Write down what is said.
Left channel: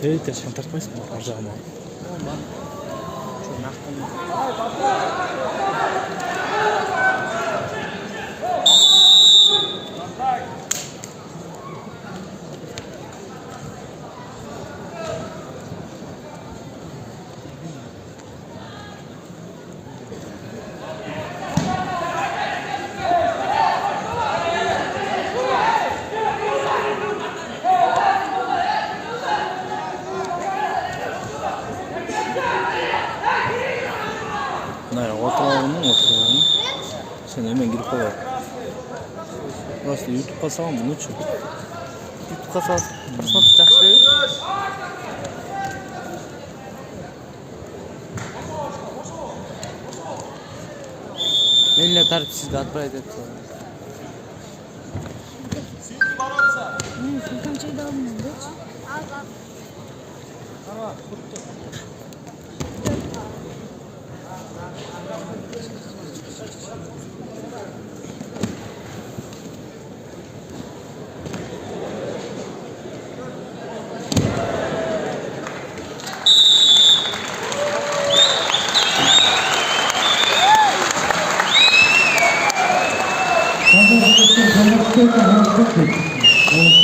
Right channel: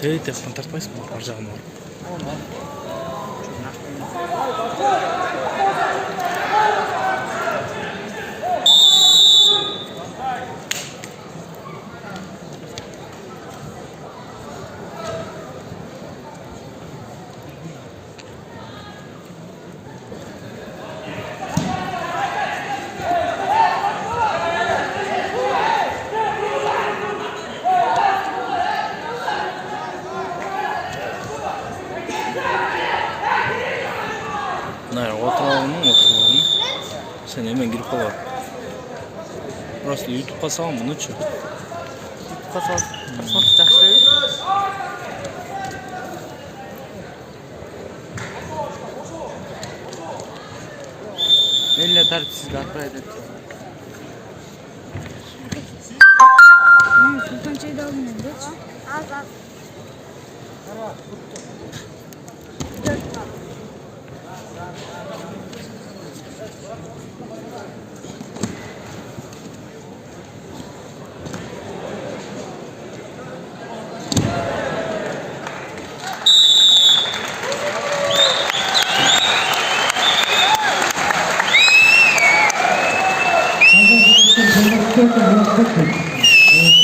Teyit yaktan tartmayısın mı? Arcağım var. Ne oturalım. Sen hemen girip bak. Burası YouTube kasabı bunun için. YouTube kasabı tutacak şey yok. Elle tarifsiz bakray edip Sultan çayı da almıyorum. Thank you.